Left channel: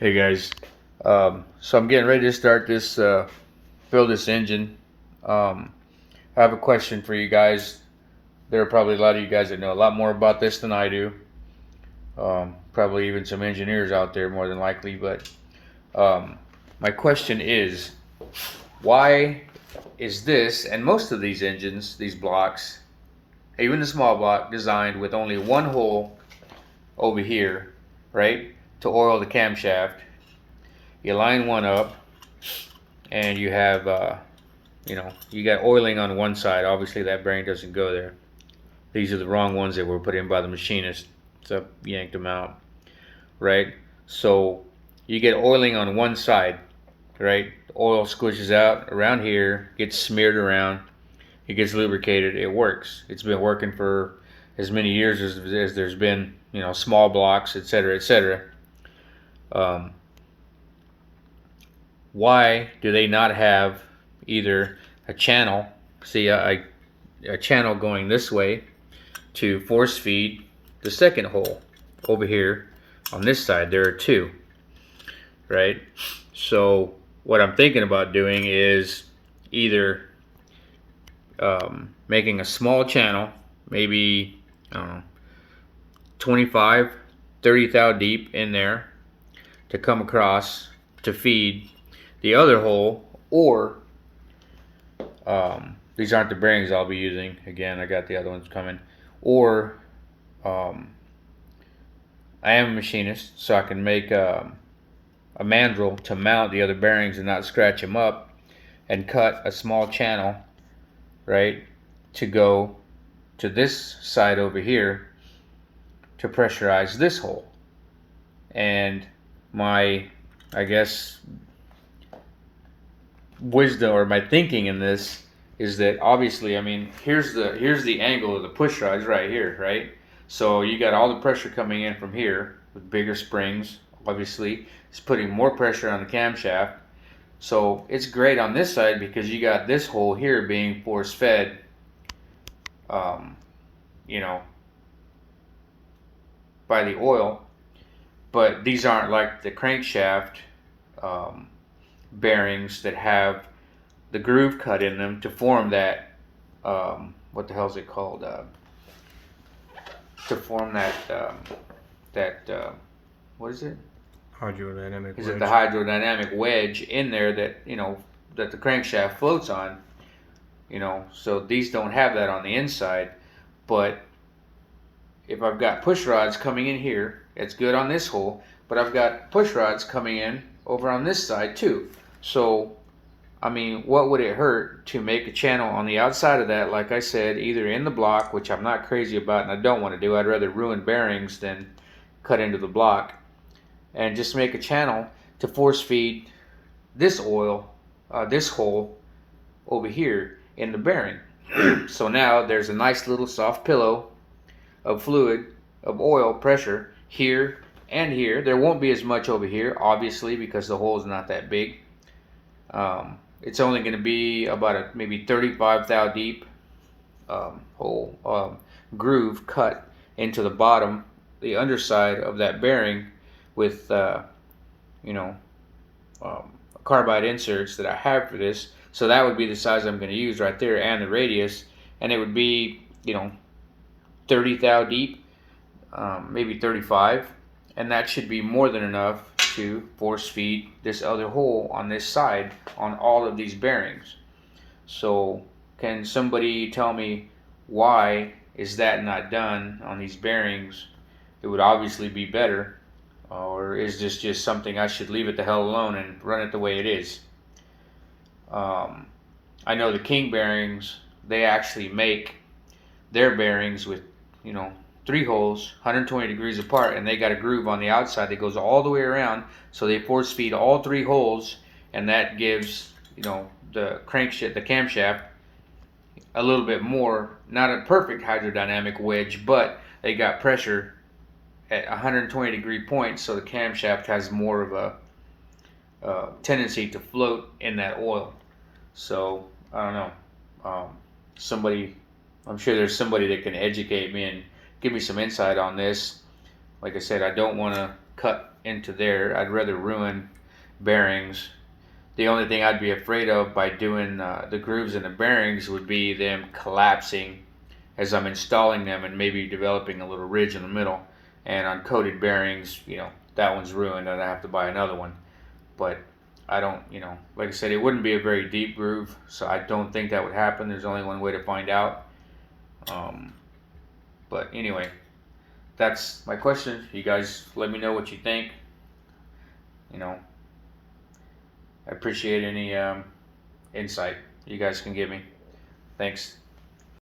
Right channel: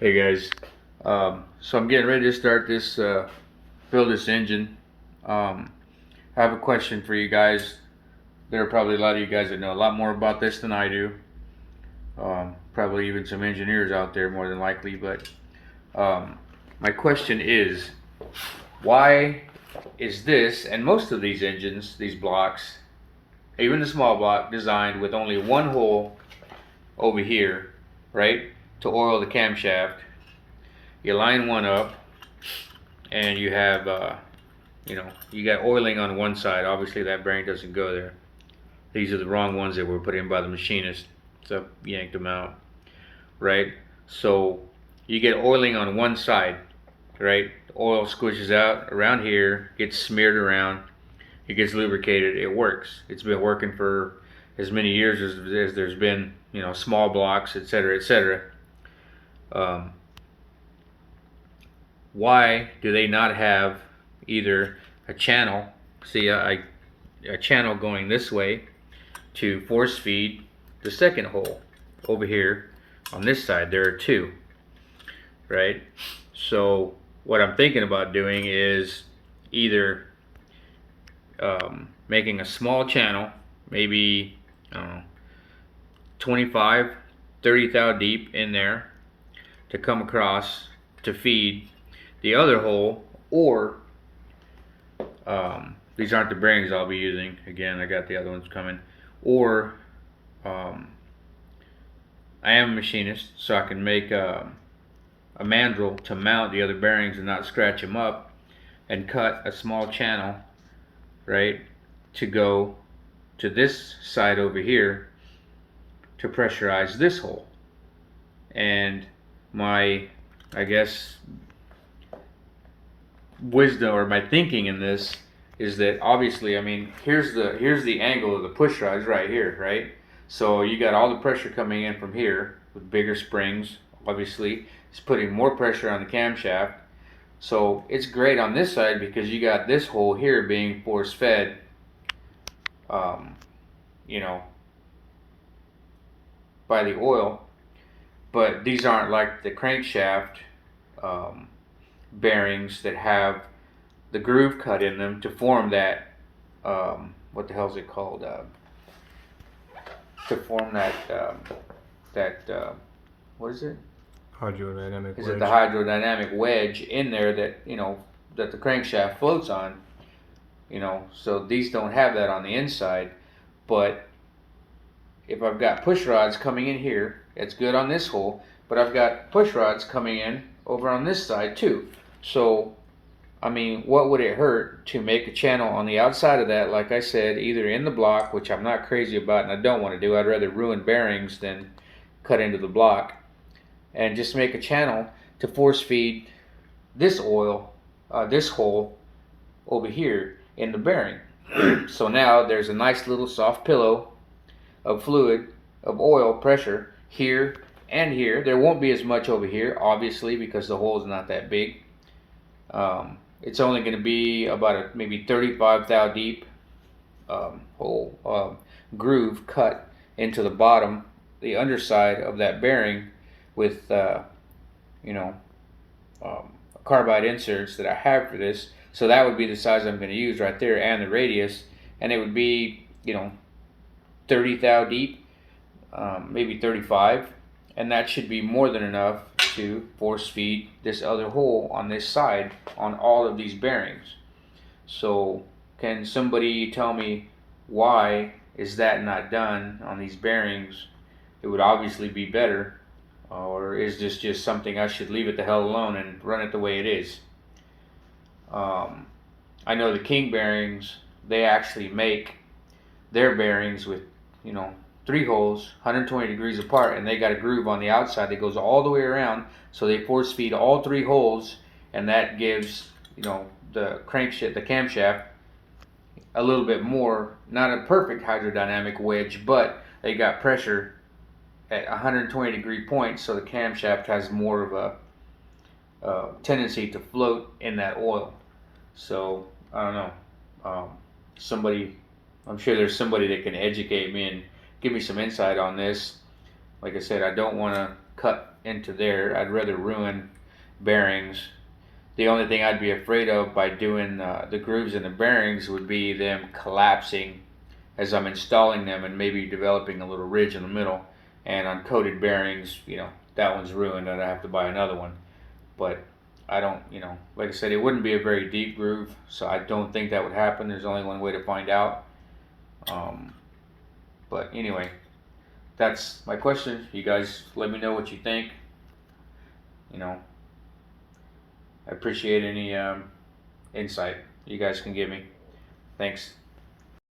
Hey guys, so I'm getting ready to start this, build this engine. I have a question for you guys. There are probably a lot of you guys that know a lot more about this than I do. Probably even some engineers out there more than likely. But my question is, why is this and most of these engines, these blocks, even the small block, designed with only one hole over here, right, to oil the camshaft? You line one up and you have you got oiling on one side. Obviously that bearing doesn't go there. These are the wrong ones that were put in by the machinist, so yanked them out, right? So you get oiling on one side, right? The oil squishes out around here, gets smeared around, it gets lubricated, it works. It's been working for as many years as there's been, small blocks, etc., etc. um, why do they not have either a channel, see a channel going this way to force feed the second hole over here on this side? There are two, right? So what I'm thinking about doing is either making a small channel, maybe, I don't know, 25, 30 thou deep in there to come across to feed the other hole, or these aren't the bearings I'll be using. Again, I got the other ones coming. Or I am a machinist, so I can make a mandrel to mount the other bearings and not scratch them up, and cut a small channel, right, to go to this side over here to pressurize this hole. And my, I guess, wisdom or my thinking in this is that obviously, I mean, here's the angle of the push rods right here, right? So you got all the pressure coming in from here with bigger springs. Obviously, it's putting more pressure on the camshaft. So it's great on this side because you got this hole here being force fed, you know, by the oil. But these aren't like the crankshaft bearings that have the groove cut in them to form that, what the hell is it called? To form that, what is it? Hydrodynamic Is wedge. it the hydrodynamic wedge in there that, that the crankshaft floats on? So these don't have that on the inside. But if I've got push rods coming in here, it's good on this hole, but I've got push rods coming in over on this side too. So, I mean, what would it hurt to make a channel on the outside of that, like I said, either in the block, which I'm not crazy about and I don't want to do. I'd rather ruin bearings than cut into the block, and just make a channel to force feed this oil, this hole over here in the bearing. So now there's a nice little soft pillow of fluid, of oil pressure here and here. There won't be as much over here, obviously, because the hole is not that big. It's only going to be about a maybe 35 thou deep hole, groove cut into the bottom, the underside of that bearing with carbide inserts that I have for this. So that would be the size I'm going to use right there, and the radius, and it would be 30 thou deep, maybe 35, and that should be more than enough to force feed this other hole on this side on all of these bearings. So can somebody tell me why is that not done on these bearings? It would obviously be better. Or is this just something I should leave it the hell alone and run it the way it is? I know the King bearings, they actually make their bearings with, 3 holes, 120 degrees apart, and they got a groove on the outside that goes all the way around. So they force feed all 3 holes, and that gives, the crankshaft, the camshaft, a little bit more, not a perfect hydrodynamic wedge, but they got pressure at 120 degree points, so the camshaft has more of a tendency to float in that oil. So I don't know. I'm sure there's somebody that can educate me and give me some insight on this. Like I said, I don't want to cut into there. I'd rather ruin bearings. The only thing I'd be afraid of by doing the grooves in the bearings would be them collapsing as I'm installing them and maybe developing a little ridge in the middle. And on coated bearings, that one's ruined and I have to buy another one. But I don't, like I said, it wouldn't be a very deep groove, so I don't think that would happen. There's only one way to find out. Um, but anyway, that's my question. You guys let me know what you think. I appreciate any insight you guys can give me. Thanks.